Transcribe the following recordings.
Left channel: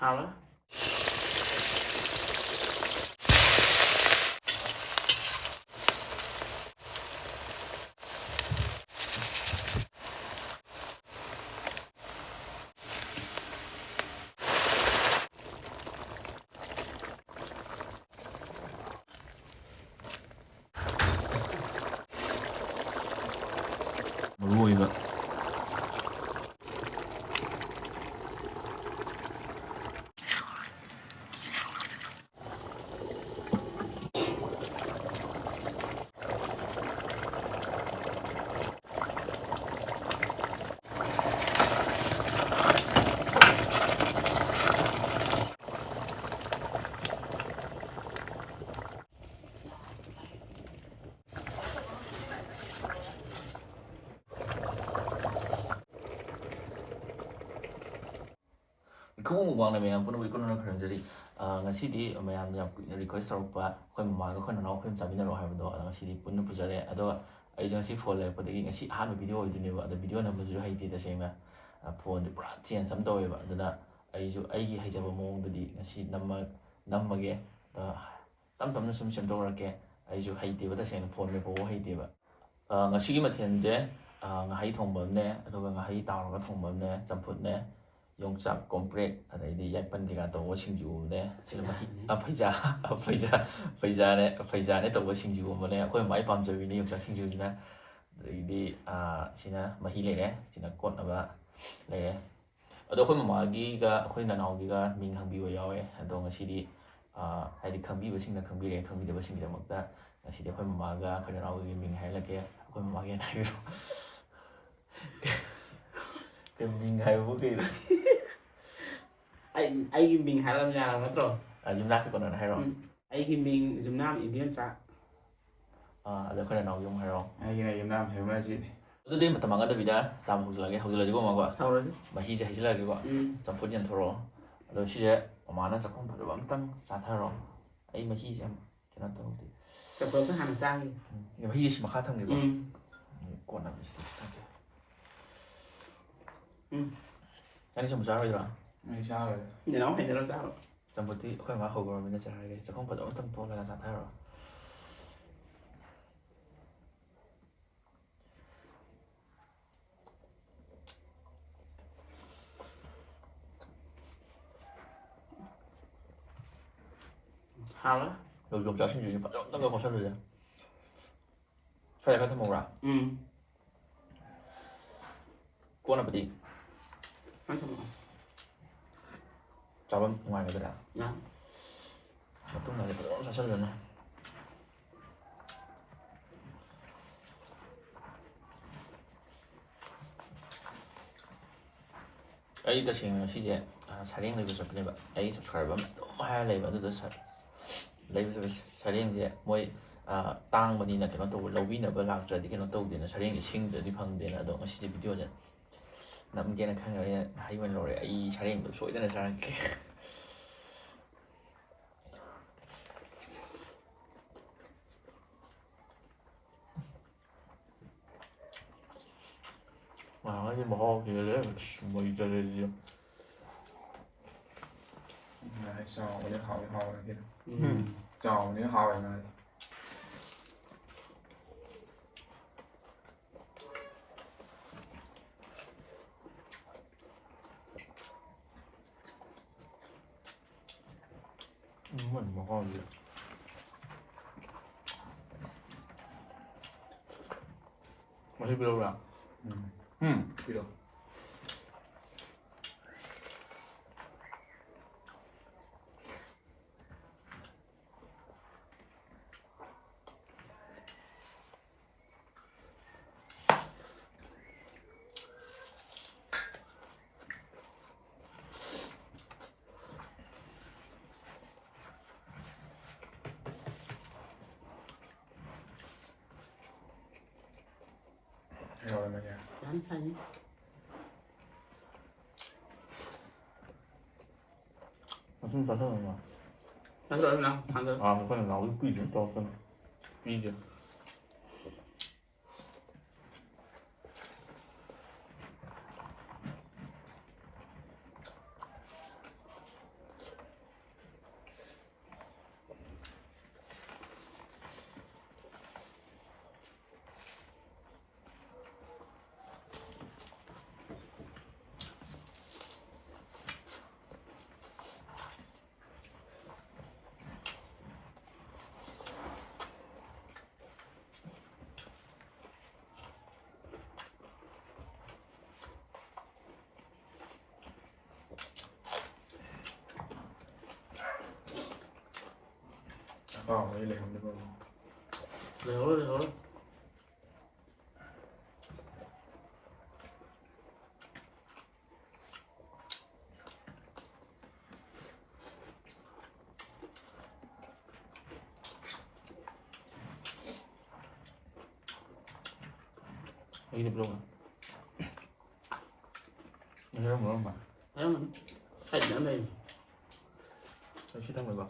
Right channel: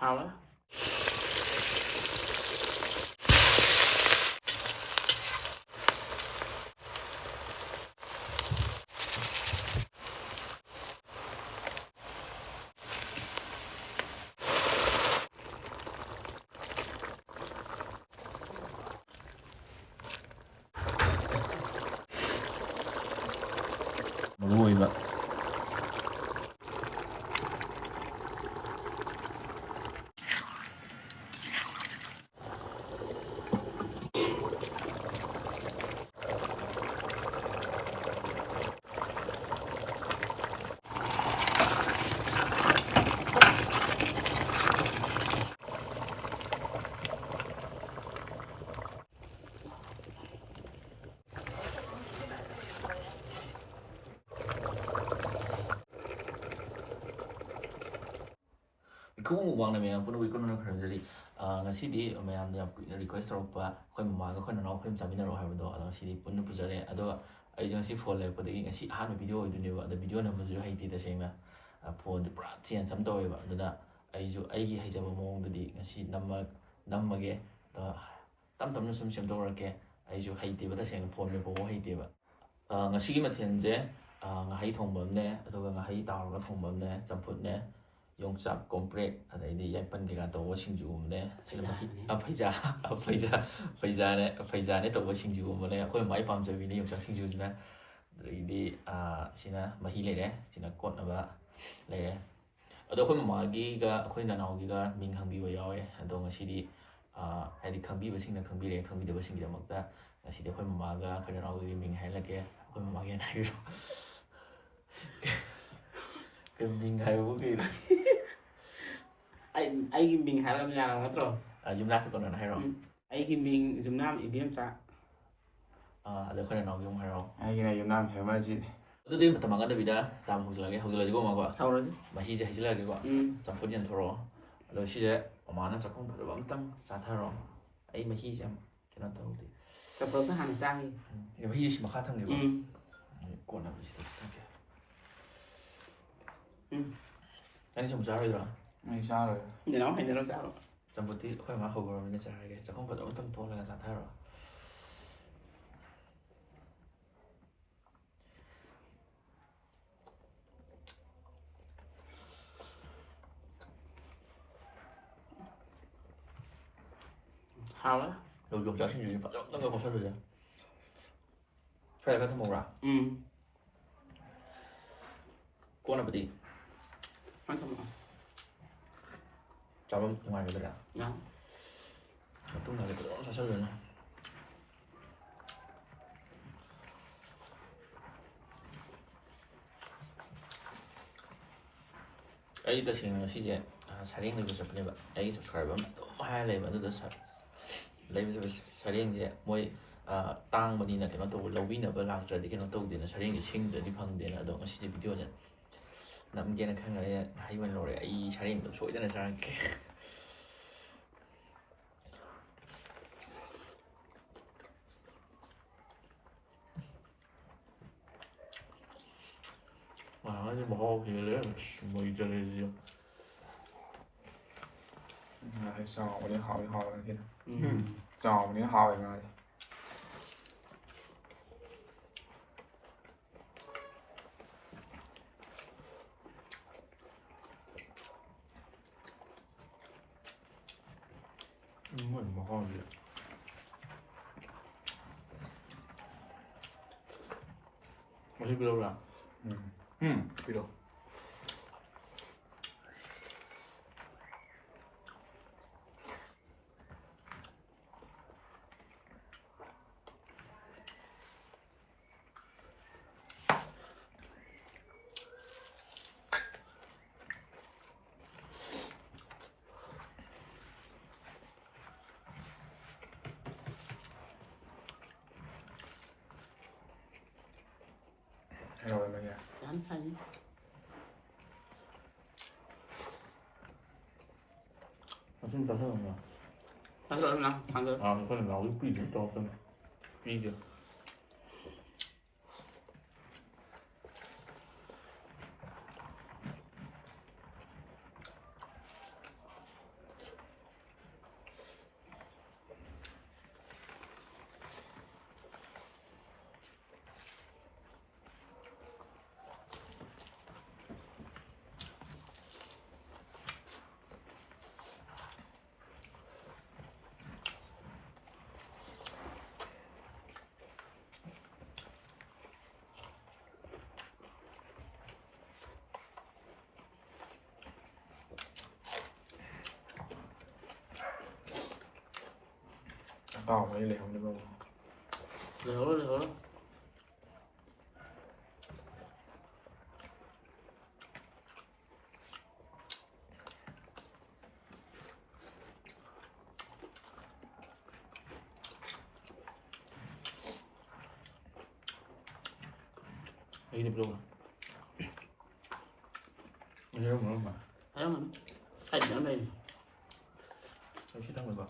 Holla. ꯃꯔꯨꯑꯣꯏꯕ Khurumjari mayam puna wikuna khurumjari ngasidi mayam yam kuina request tawrokpa akhoi mamaga akhoi nanao akhoi chaminaro haibado ngasidi punna pujare ado ai ngasi phone lepodagi ngasi ahanba video oiduneba ada video namaju haiti tasengna phone di pura change am taweba aduna aiju aigi haijaba mawongdadi ngasi nammage tam tamna sum semdorake aiju haiteba tasengna phone me pawo haiteba ngasigi mathenje ngahai thongbamne aduga ngahai tawraga thongbamne champutne yongchak komprek adai yaipan kega tawo singju ne faija ne tawo singju ne akhoi mai pamjabi ni yongchak singju jina adai sina mahi lere sina kot naba lere ado akhoi magi ga akhoi nanao gi ga ming hangbi wa yawe ado ngasidi hadi khangbi ba singna khangbire khangbi da ba singja makta ngasidi akhoi mamaga akhoi nanao gi ming hailake akhoi mamage na hiro ke ming haibu ke Ai mình hay làm nhà nào đó rồi. Jumna cái con này hay rồi. Ai mình Jumna IBM cha. Ada kau nak yung hay rồi. Ai cái này Jumna hay mà gì? Itu dia pertama kali bida sama huzul lagi gua mau Sao rồi? Masih jahil lagi gua. Campur yang thoro. Ada sih je mana cakap pada bantang satu rồi. Ai masih jam kena tahu tu. Campur tu hàng sai. Yang masih sih makan thang juga. Kau nak mesti tak. Tadi cuma cakap juga. Ai sao rồi? Nhà nó hay nhà nó sao rồi? Campur tu kau yang makan gua mana cakap lagi. Cakap pada bantang tu lah satu rồi. Holla. Đồ dùng cho sinh viên phải tất cả con sao rồi. Phải có thêm một rạ. Cô nào đi? Ăn không ạ? Chào bên ngoài cái đó. Dạ. Mà tôi nói cái sao rồi nè. Ấy tôi xin sẽ 사령 레벨에서 그래봐. 에이 subscribe 너무 하야 레벨도 레벨에서 사령 이제 뭐이 땅만이나 그런 또 로비나버 락저디 그런 또 되는 사령이 생들이 방되나 또 시제 비디오냐 남게는 칸가에 하이만 로레 이 사령도 소이되는 사람께 와 이제 뭐 그래 뭐 이제는 Hay sao mà đi hỏi kia. Sao mà đi hỏi mà. mình mà hỏi gì. Mày biết đâu à? Biết đâu. Rồi mà kìa. Dán xanh. Nó không phải hơn mà. Ăn rồi nào, ăn rồi. Một cái là nấu cái quy trình to cơ này. Quy kìa. mấy lèo nữa không? Lèo đó. Đi được luôn à? Mình thấy không mà? Thấy không? Thấy nữa đây. Tôi chỉ đang ngồi bật.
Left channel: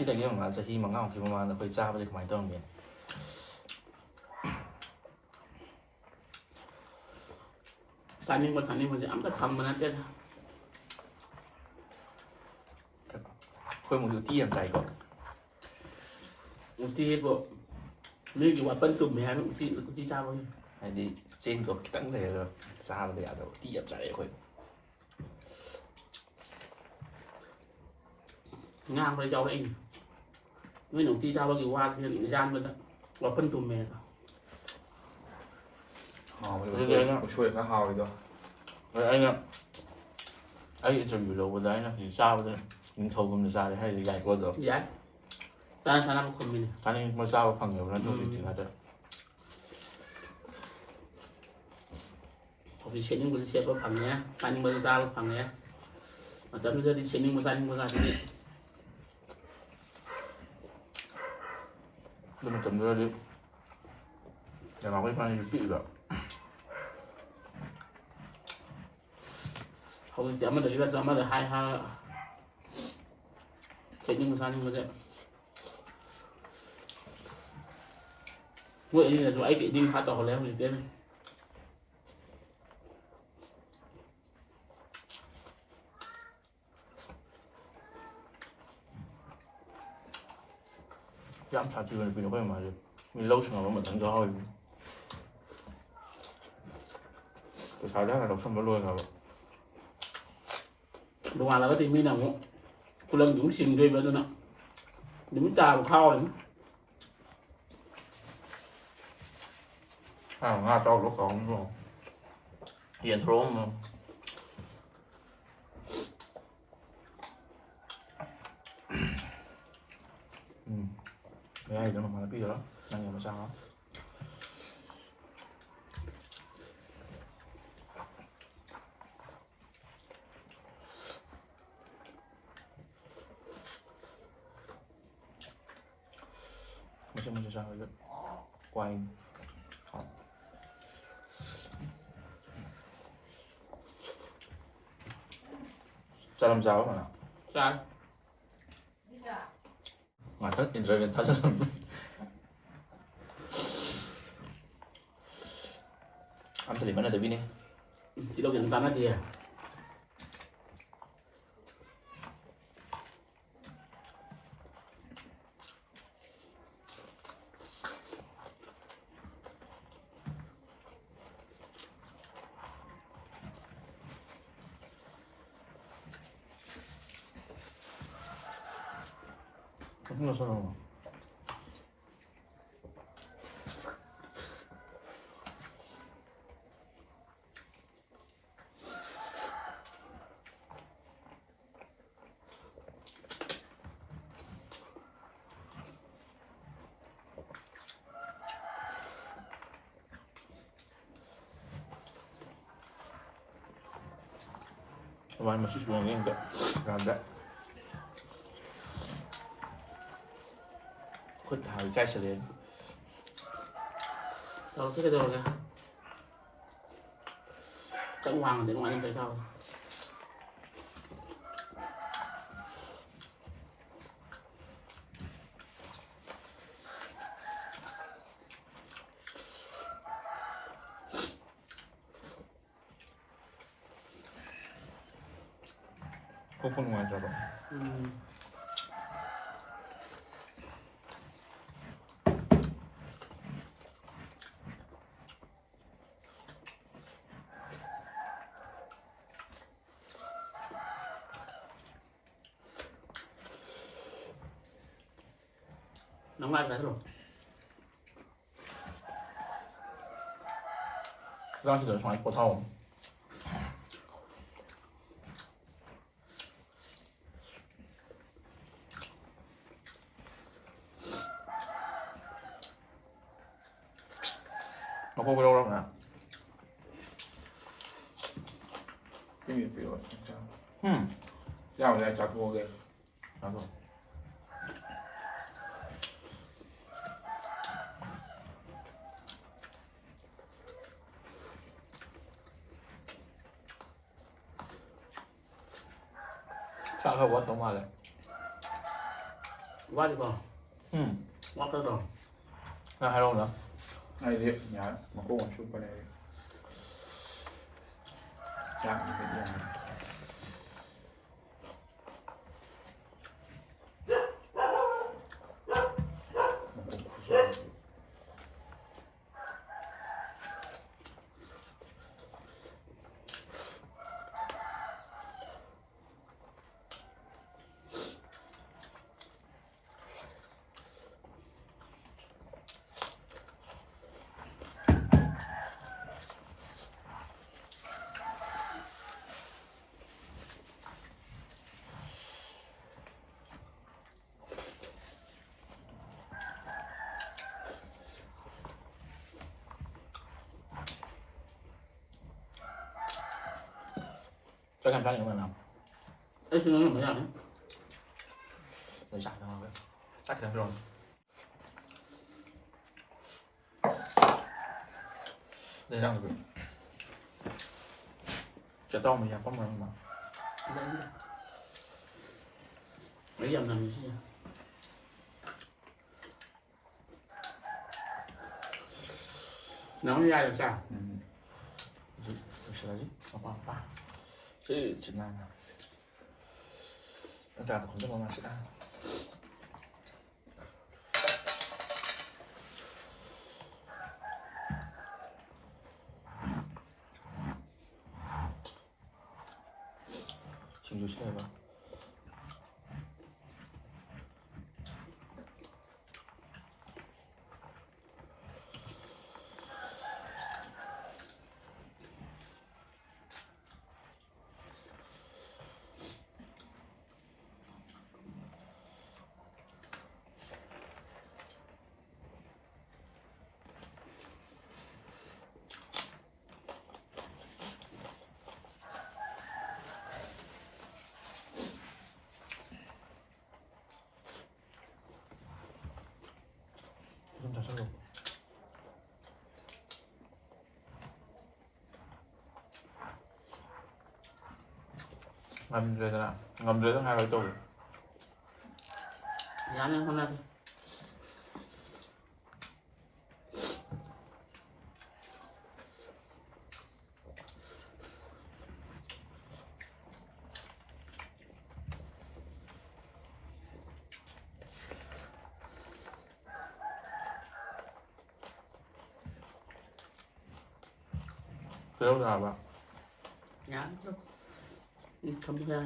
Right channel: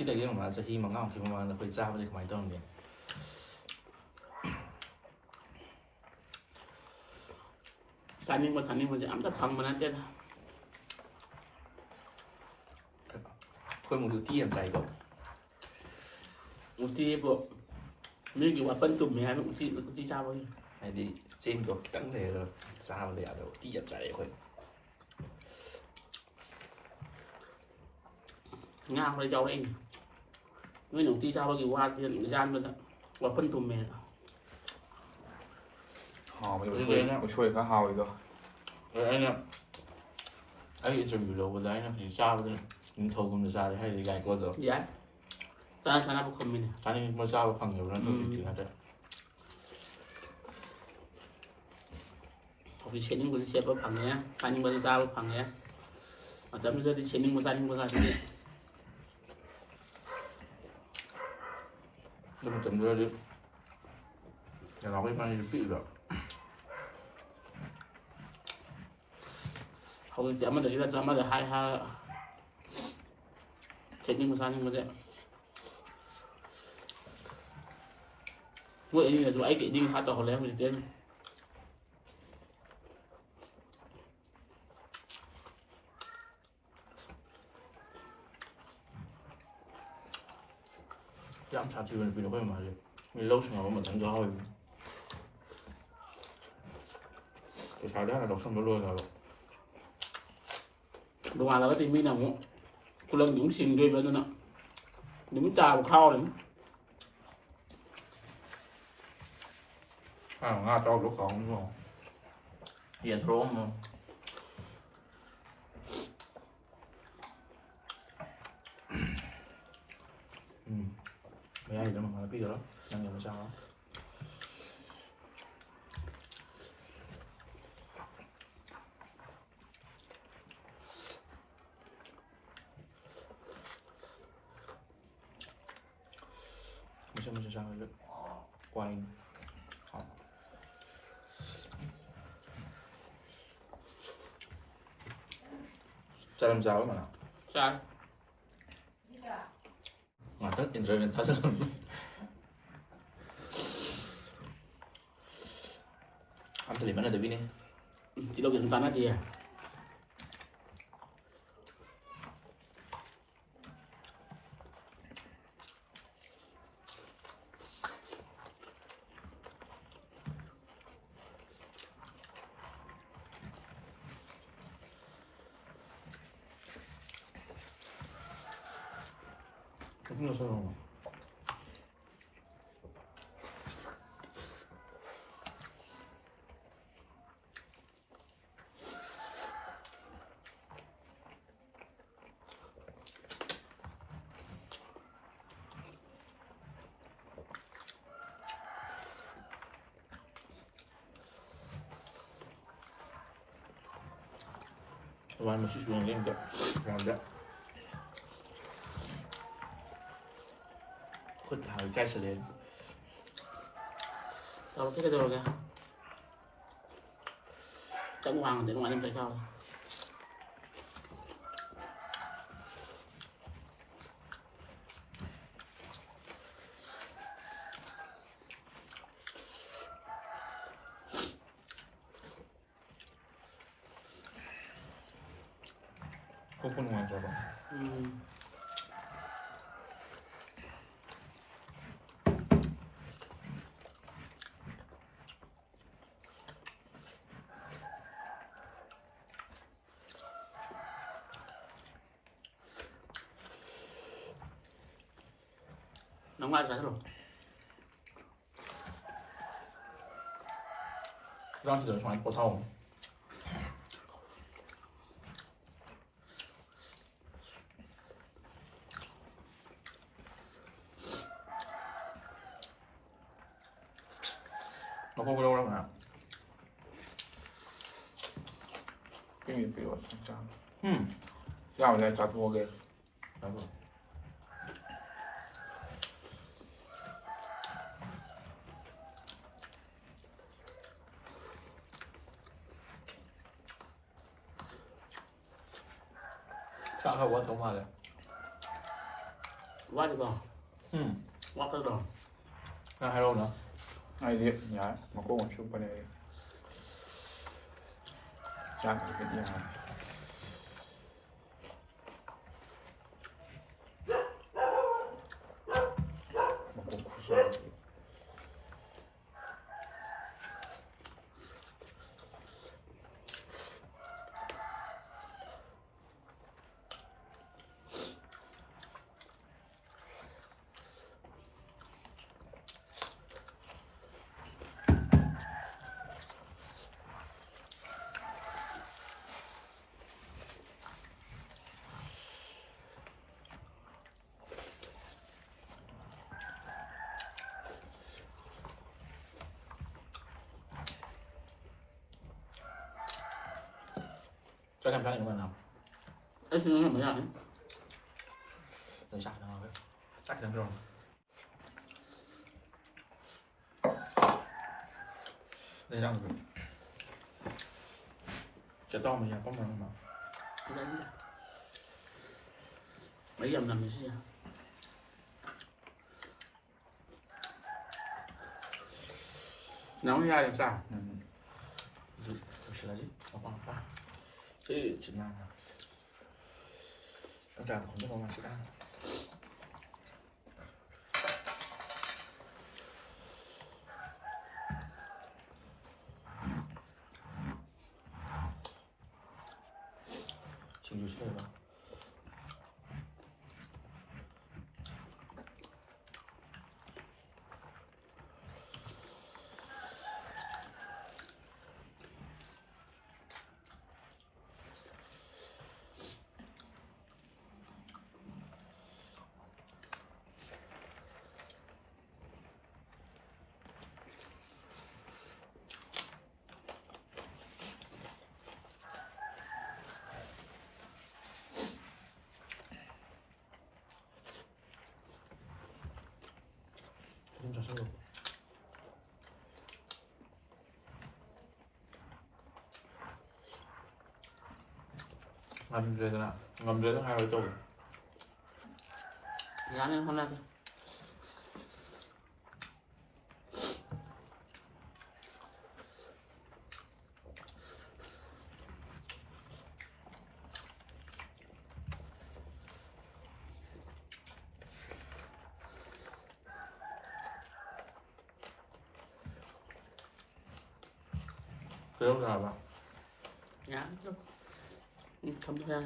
시대에 와서 희망하고 그만 거의 잡아야 많이 되는 게. Sanin mà ấm tập phần mà nó chết. Khơi một điều tiêm dày rồi. Một chi bộ như kiểu là phân tùm mẹ một chi sao vậy? Hay đi trên có tận thể rồi ra mà để ở đâu tiêm dày khơi. Ngang với cháu đấy. Người nông chi sao bao kiểu qua thì gian bên đó và phân tùm mẹ. Hào mà chui khá hào rồi. Rồi anh ạ. Ấy chuẩn bị lâu đấy nó thì sao đấy. Mình thầu cùng ra đấy hay là dài quá rồi. Dạ. Ta sao nó không mình. Cái này mà sao phần nhiều nó thôi thì là được. Học đi training của xe có bằng nhé. Sanin mà sao bằng nhé. Mà tấm giờ đi training mà Sanin mà ra thì Nhưng mà tầm ra đi. Để nó cái phần này bị rồi. không chỉ mà được ra mà được hai training mà Sanin mà đấy. Vậy là rồi ấy cái đinh khá to lên gì tên. Giám sát thì mình nó phải mà mình lâu xong rồi mình đánh gió thôi. Cái thái đó là đọc xong nó luôn rồi. Đúng là cái tình mình nào cũng cô lâm đúng xin đôi bên đó. Đúng trà một khao đấy. Nga to lúc không rồi. Hiện rôm mà. Cái này nó mà bây giờ đó, đang làm sao đó. Mình sẽ sang rồi quay. Sao làm sao mà nào? Sao? Mà tất nhiên rồi mình ta sẽ làm. Ăn thử điểm ăn là được đi nè. Chỉ đâu kiện tán thì à? Không có sao đâu. Vài một chút xuống em làm đấy. Khuất thảo trai sẽ đến. Tao cái đồ kìa. Chẳng hoàng đến ngoài em phải sao? Không có ngoài cho bạn. Nóng lại cái rồi. 화장실에서 많이 버타오. 먹고 그러고 그러나. cái miệng phía thằng cha 음. dạo này chặt mua kìa 나도. 싸가 왔던 말에. Quá đi bò. Quá tới rồi. 나 하러 오나? ai đi nhá mà cô còn chụp bên này chạm cái nhà mà cũng khu sơ Cho em răng nữa mà nào. Ấy xin nó mới ăn. Để sạch thôi. Sạch được rồi. Để răng được. Cho to mình làm có mà. Ra đi ra. Mấy dầm làm gì chứ? Nấu ra làm sao? Là gì? Apa apa? Chứ chỉ là anh ta không biết mà sẽ ăn. Sinju 싫어해봐. 좀 잘 썰어. Ngâm rồi nè, ngâm rồi tháng 2 rồi tôi. Giá nên hôm nay thôi. Thế là bạn. Giá thôi. Không ra.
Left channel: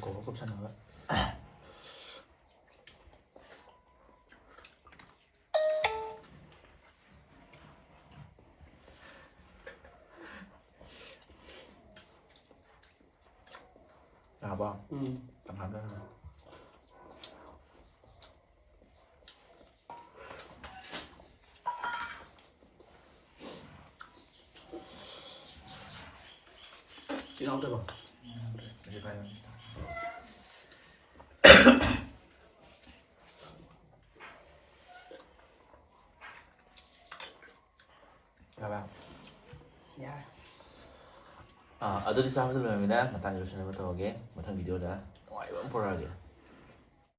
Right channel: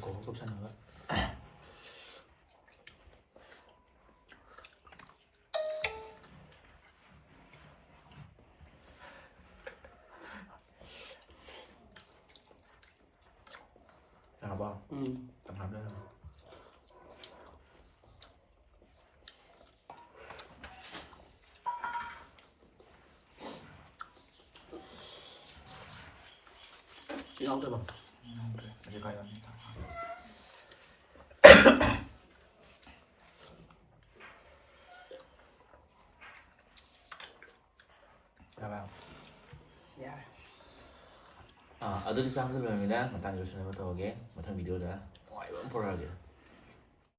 Cổ có cục xanh nữa. Nào bao? Tầm hạt đó. น้องด้วยป่ะ 이제 가야 합니다. 봐봐. 야 아들이 싸움을 하면 나타나 주시는 것도 오게 못한 비디오다. 와 이건 보라게.